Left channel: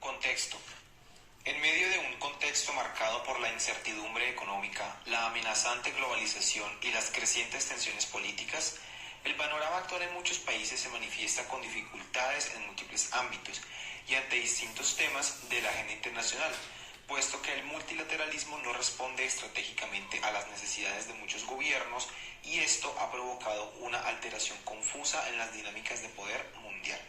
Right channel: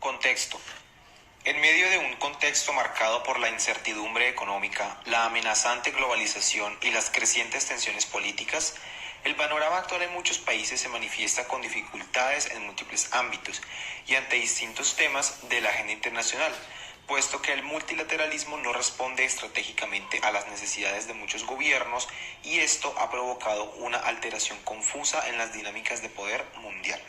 Contexto. En medio de un contexto marcado por la incertidumbre económica, la amenazante globalización y las crecientes tensiones políticas, el panorama actual en muchos países se manifiesta con dificultades en múltiples ámbitos y ante distintos temas de la agenda internacional, puesto que el multilateralismo no responde estratégicamente a las necesidades de muchos gobiernos y esto ha provocado una alteración confusa en las dinámicas de poder mundial.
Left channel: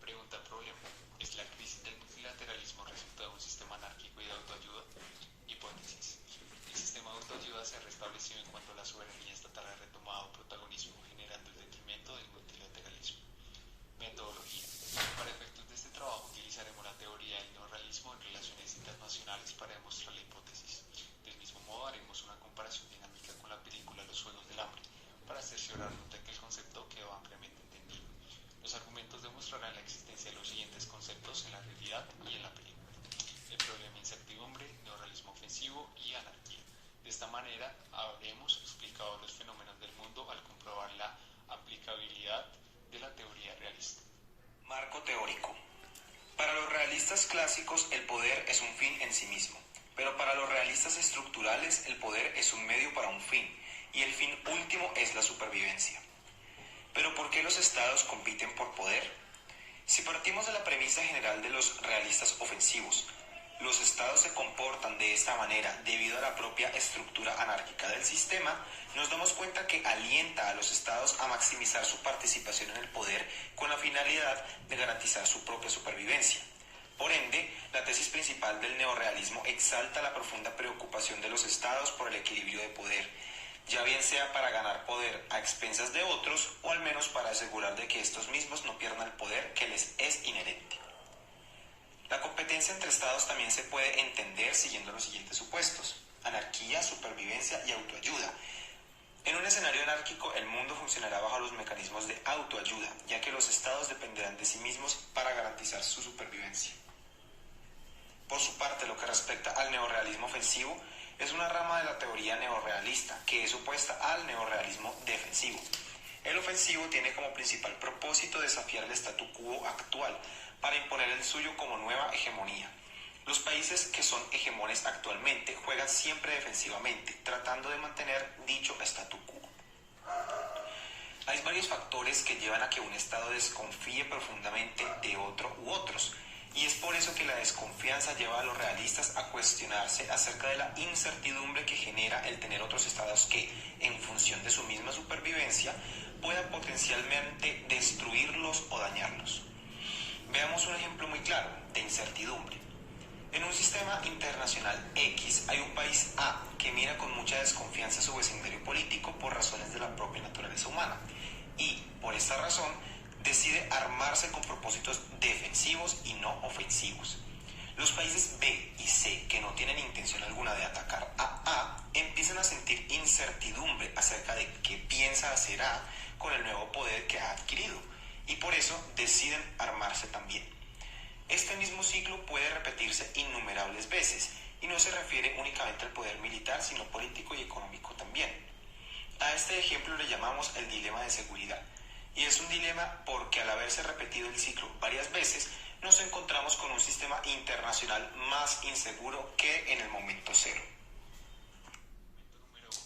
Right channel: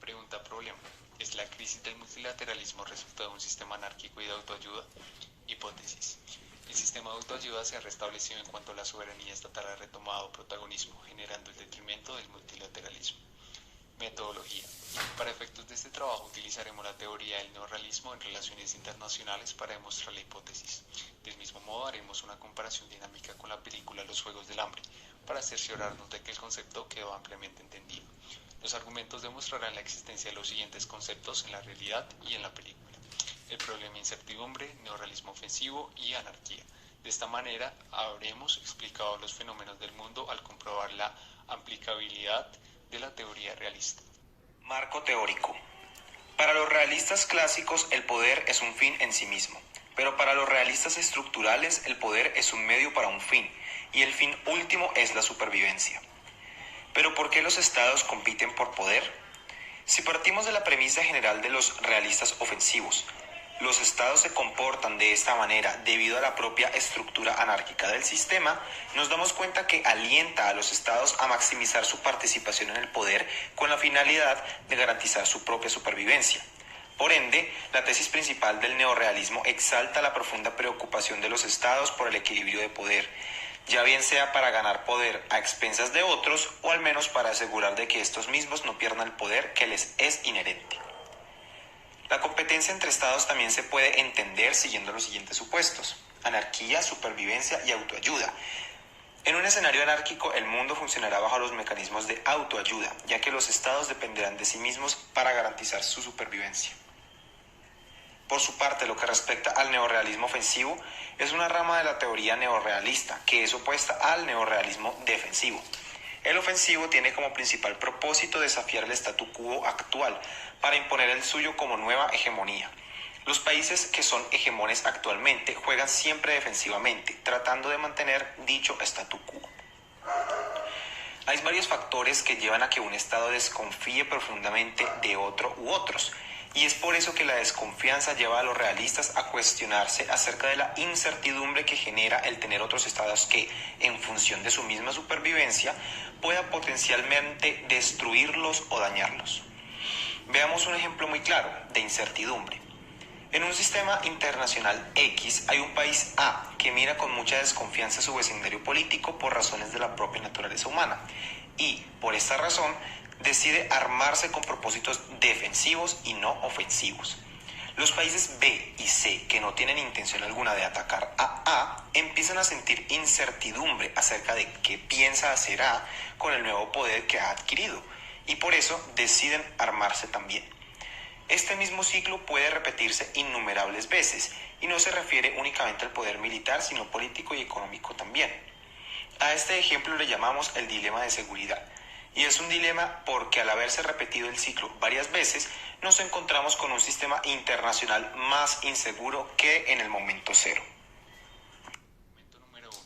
Pregunta problema. ¿Es la crisis del multilateralismo resultado de un sistema anárquico y de autoayuda? Hipótesis. El sistema de autoayuda se ha restablecido en cuanto la soberanía estatal ha retomado protagonismo, generando el detrimento del multilateralismo. Metodología. Para efectos de este trabajo utilizaremos la teoría del neorrealismo en relaciones internacionales para demostrar la hipótesis. Del mismo modo haremos una comparación dinámica con la película Los Juegos del Hambre, para cerciorarnos de que el concepto quedó ampliamente entendido. Los argumentos demostrarán la existencia de los siguientes conceptos en la realidad y en la película: el problema incertidumbre, neorrealismo ofensivo y anarquía. De esta manera habremos explicado los fenómenos del mundo al comprobar la aplicabilidad de la teoría realista. Marco teórico. Para los realistas clásicos el poder es un fin en sí mismo, pero para los realistas estructurales el poder es un medio para un fin, y el fin último es la supervivencia. Pero ¿por qué los estados compiten por poder? Si partimos de la premisa general de los realistas ofensivos, los estados se comportan de esta manera debido a la propia estructura anárquica del sistema, nos damos cuenta que alienta a los estados a maximizar su participación en el poder con la finalidad de garantizar su propia supervivencia. Por ende, la tesis principal del neorrealismo exalta la profunda preocupación de los estados por el equilibrio de poder, ya bien sea para ganar poder a expensas de otros o al menos para asegurar de que estos mismos no pierdan el poder que les es inherente. La competencia entre estados también se puede entender siguiendo los siguientes supuestos: anarquía, supervivencia y autoayuda. En un escenario anárquico, el mundo funcionará bajo los mecanismos de autoayuda, ya que los estados dependerán de sí mismos para garantizar su supervivencia. Por su parte, lo que respecta al neorrealismo ofensivo, es una rama de la teoría neorrealista, que es opuesta al neorrealismo defensivo. El ofensivo tiene como principal propósito desafiar el statu quo actual para imponer el suyo como nueva hegemonía. Los países que son hegemones actualmente juegan siempre defensivamente, tratando de mantener dicho statu quo. Hay varios factores que llevan a que un Estado desconfíe profundamente de otro u otros, y es por eso que la desconfianza lleva a los realistas a cuestionarse acerca de la incertidumbre que genera el tener otros estados que, en función de su misma supervivencia, puedan potencialmente destruirlos o dañarlos. Veamos un ejemplo muy claro de incertidumbre. En un sistema internacional X hay un país A que mira con mucha desconfianza su vecindario político por razones de la propia naturaleza humana y, por esta razón, decide armarse con propósitos defensivos y no ofensivos. Los países B y C, que no tienen intención alguna de atacar a A, empiezan a sentir incertidumbre acerca de qué piensa hacer A con el nuevo poder que ha adquirido y por eso deciden armarse también. Este mismo ciclo puede repetirse innumerables veces y no se refiere únicamente al poder militar, sino político y económico también. A este ejemplo le llamamos el dilema de seguridad, y es un dilema porque al haberse repetido el ciclo varias veces, nos encontramos con un sistema internacional más inseguro que en el momento cero. Momento número 1.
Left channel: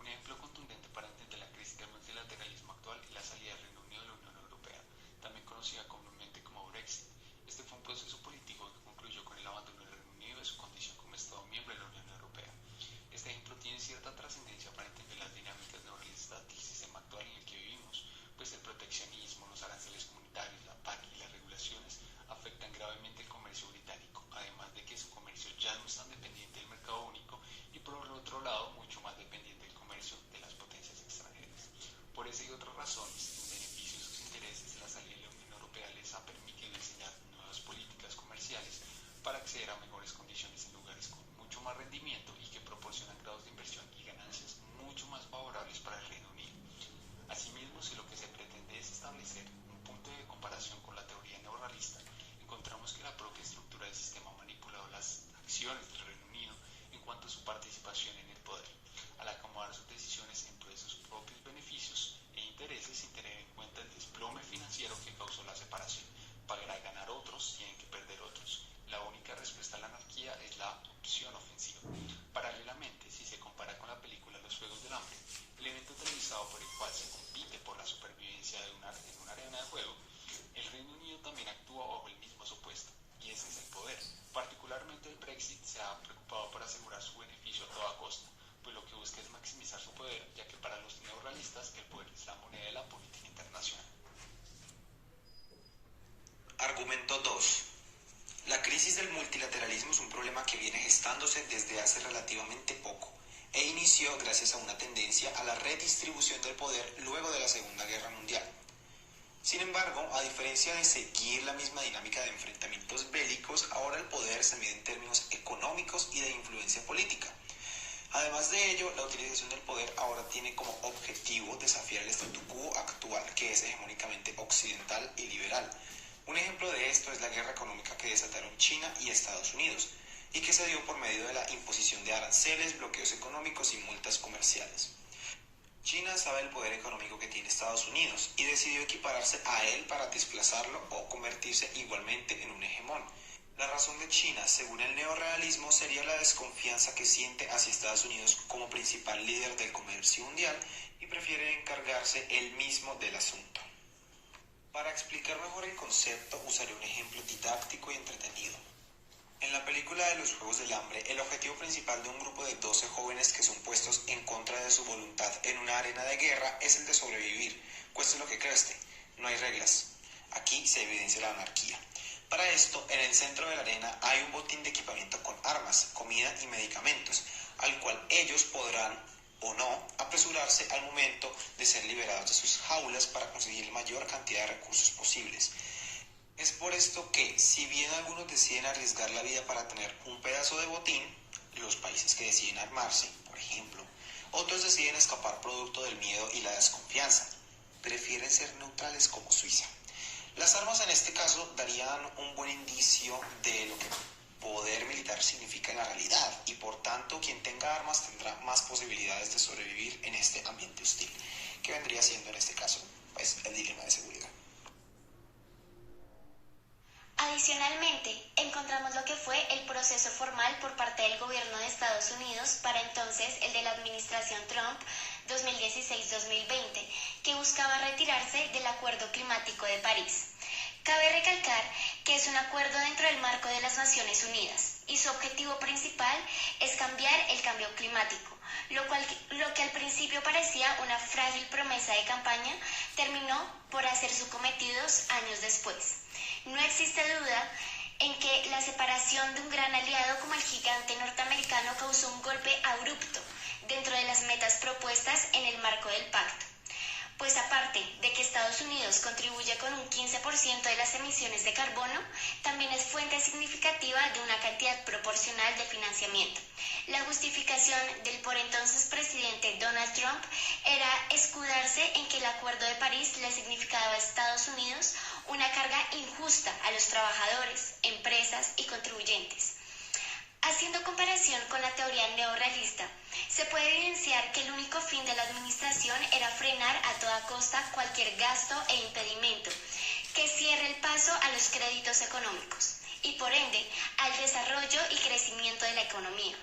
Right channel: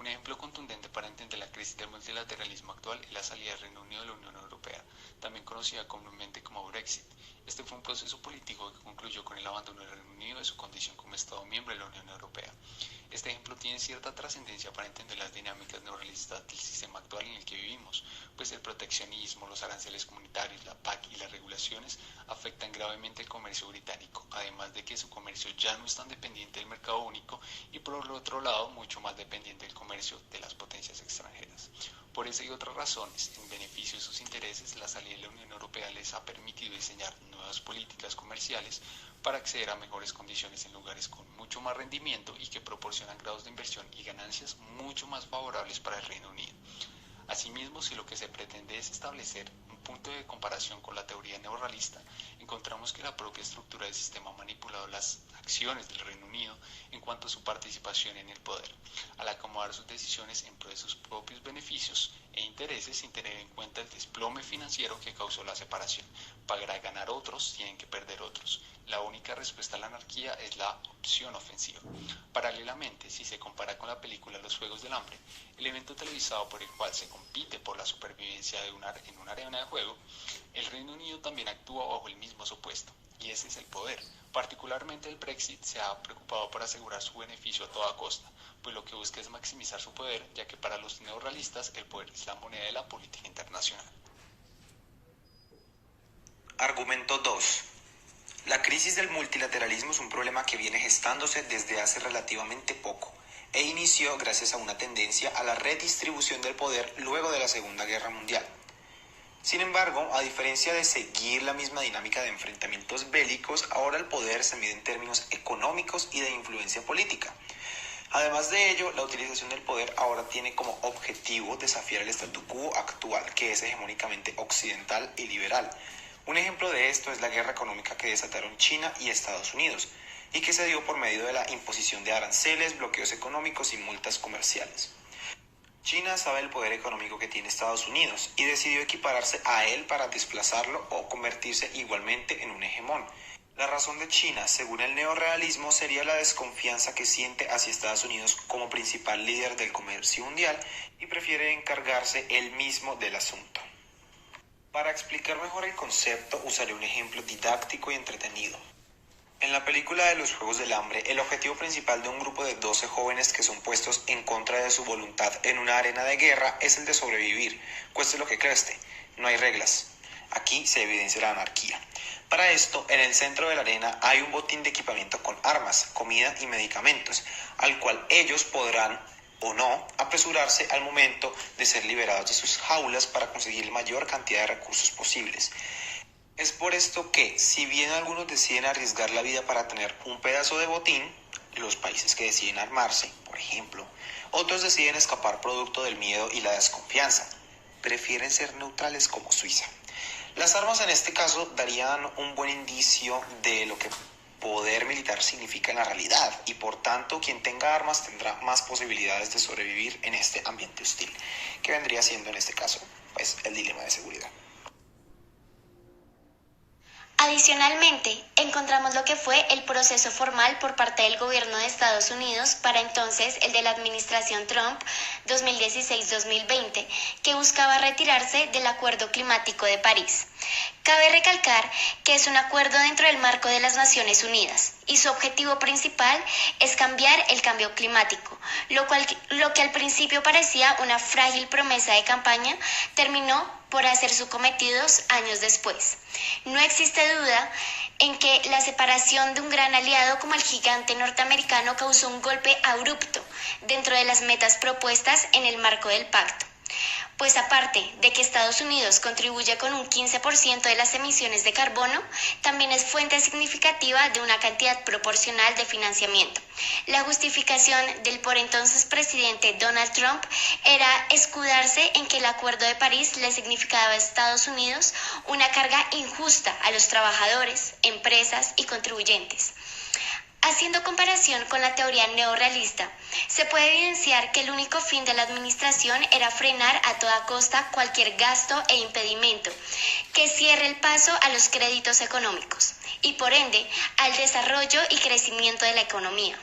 Un ejemplo contundente para entender la crisis del multilateralismo actual es la salida del Reino Unido de la Unión Europea, también conocida comúnmente como Brexit. Este fue un proceso político que concluyó con el abandono del Reino Unido de su condición como Estado miembro de la Unión Europea. Este ejemplo tiene cierta trascendencia para entender las dinámicas neorrealistas del sistema actual en el que vivimos, pues el proteccionismo, los aranceles comunitarios, la PAC y las regulaciones afectan gravemente el comercio británico, además de que su comercio ya no es tan dependiente del mercado único y por el otro lado mucho más dependiente del comercio de las potencias extranjeras. Por esa y otras razones, en beneficio de sus intereses, la salida de la Unión Europea les ha permitido diseñar nuevas políticas comerciales para acceder a mejores condiciones en lugares con mucho más rendimiento y que proporcionan grados de inversión y ganancias mucho más favorables para el Reino Unido. Asimismo, si lo que se pretende es establecer un punto de comparación con la teoría neorrealista, encontramos que la propia estructura del sistema ha manipulado las acciones del Reino Unido en cuanto a su participación en el poder, al acomodar sus decisiones en pro de sus propios beneficios e intereses sin tener en cuenta el desplome financiero que causó la separación, Para ganar otros, tienen que perder otros. La única respuesta a la anarquía es la opción ofensiva. Paralelamente, si se compara con la película Los Juegos del Hambre, el evento televisado por el cual se compite por la supervivencia en una arena de juego, el Reino Unido también actúa bajo el mismo supuesto, y ese es el poder. Particularmente el Brexit se ha preocupado por asegurar su beneficio a toda costa, pues lo que busca es maximizar su poder, ya que para los neorrealistas el poder es la moneda de la política internacional. Argumento 2. La crisis del multilateralismo es un problema que viene gestándose desde hace relativamente poco e inició gracias a una tendencia a la redistribución del poder luego de la Segunda Guerra Mundial. Sin embargo, a diferencia de seguir la misma dinámica de enfrentamientos bélicos, ahora el poder se mide en términos económicos y de influencia política. Además de ello, la utilización del poder ahora tiene como objetivo desafiar el statu quo actual, que es hegemónicamente occidental y liberal. Un ejemplo de esto es la guerra económica que desataron China y Estados Unidos, y que se dio por medio de la imposición de aranceles, bloqueos económicos y multas comerciales. China sabe el poder económico que tiene Estados Unidos y decidió equipararse a él para desplazarlo o convertirse igualmente en un hegemón. La razón de China, según el neorrealismo, sería la desconfianza que siente hacia Estados Unidos como principal líder del comercio mundial y prefiere encargarse él mismo del asunto. Para explicar mejor el concepto, usaré un ejemplo didáctico y entretenido. En la película de Los Juegos del Hambre, el objetivo principal de un grupo de 12 jóvenes que son puestos en contra de su voluntad en una arena de guerra es el de sobrevivir, cueste lo que cueste. No hay reglas. Aquí se evidencia la anarquía. Para esto, en el centro de la arena hay un botín de equipamiento con armas, comida y medicamentos, al cual ellos podrán o no apresurarse al momento de ser liberados de sus jaulas para conseguir la mayor cantidad de recursos posibles. Es por esto que, si bien algunos deciden arriesgar la vida para tener un pedazo de botín, los países que deciden armarse, por ejemplo, otros deciden escapar producto del miedo y la desconfianza. Prefieren ser neutrales como Suiza. Las armas en este caso darían un buen indicio de lo que poder militar significa en la realidad y por tanto quien tenga armas tendrá más posibilidades de sobrevivir en este ambiente hostil, que vendría siendo en este caso pues el dilema de seguridad. Adicionalmente, encontramos lo que fue el proceso formal por parte del gobierno de Estados Unidos, para entonces el de la administración Trump 2016-2020, que buscaba retirarse del Acuerdo Climático de París. Cabe recalcar que es un acuerdo dentro del marco de las Naciones Unidas y su objetivo principal es cambiar el cambio climático, lo que al principio parecía una frágil promesa de campaña, terminó por hacer su cometido años después. No existe duda en que la separación de un gran aliado como el gigante norteamericano causó un golpe abrupto dentro de las metas propuestas en el marco del pacto. Pues aparte de que Estados Unidos contribuye con un 15% de las emisiones de carbono, también es fuente significativa de una cantidad proporcional de financiamiento. La justificación del por entonces presidente Donald Trump era escudarse en que el Acuerdo de París le significaba a Estados Unidos una carga injusta a los trabajadores, empresas y contribuyentes. Haciendo comparación con la teoría neorrealista, se puede evidenciar que el único fin de la administración era frenar a toda costa cualquier gasto e impedimento que cierre el paso a los créditos económicos y por ende al desarrollo y crecimiento de la economía,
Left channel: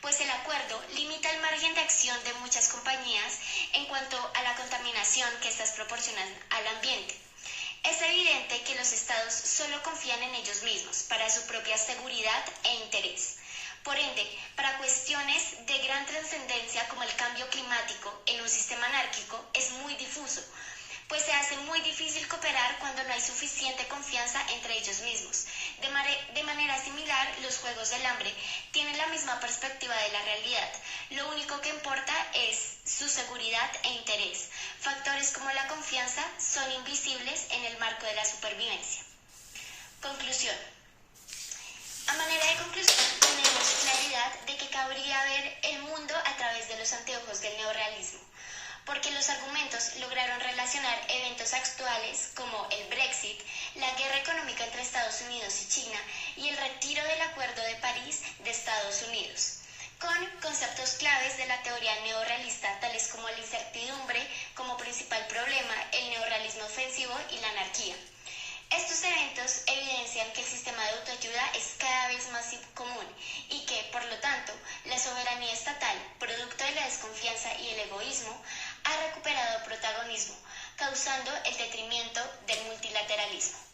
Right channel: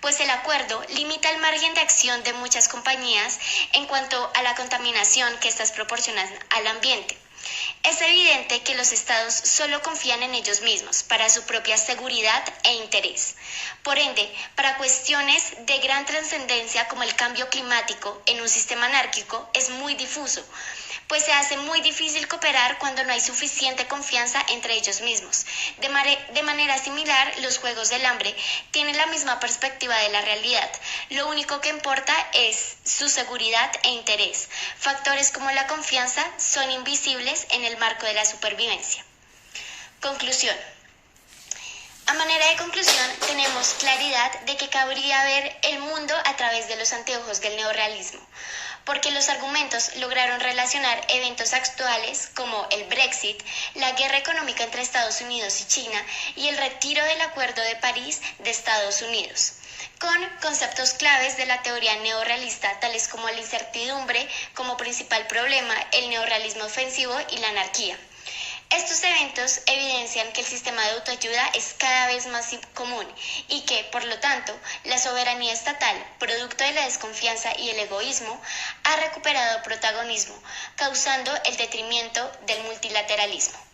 pues el acuerdo limita el margen de acción de muchas compañías en cuanto a la contaminación que éstas proporcionan al ambiente. Es evidente que los estados solo confían en ellos mismos para su propia seguridad e interés. Por ende, para cuestiones de gran trascendencia como el cambio climático en un sistema anárquico es muy difuso, pues se hace muy difícil cooperar cuando no hay suficiente confianza entre ellos mismos. De manera similar, los Juegos del Hambre tienen la misma perspectiva de la realidad. Lo único que importa es su seguridad e interés. Factores como la confianza son invisibles en el marco de la supervivencia. Conclusión. A manera de conclusión, tenemos claridad de que cabría ver el mundo a través de los anteojos del neorrealismo, porque los argumentos lograron relacionar eventos actuales como el Brexit, la guerra económica entre Estados Unidos y China y el retiro del Acuerdo de París de Estados Unidos, con conceptos claves de la teoría neorrealista, tales como la incertidumbre como principal problema, el neorrealismo ofensivo y la anarquía. Estos eventos evidencian que el sistema de autoayuda es cada vez más común y que, por lo tanto, la soberanía estatal, producto de la desconfianza y el egoísmo, ha recuperado protagonismo, causando el detrimento del multilateralismo.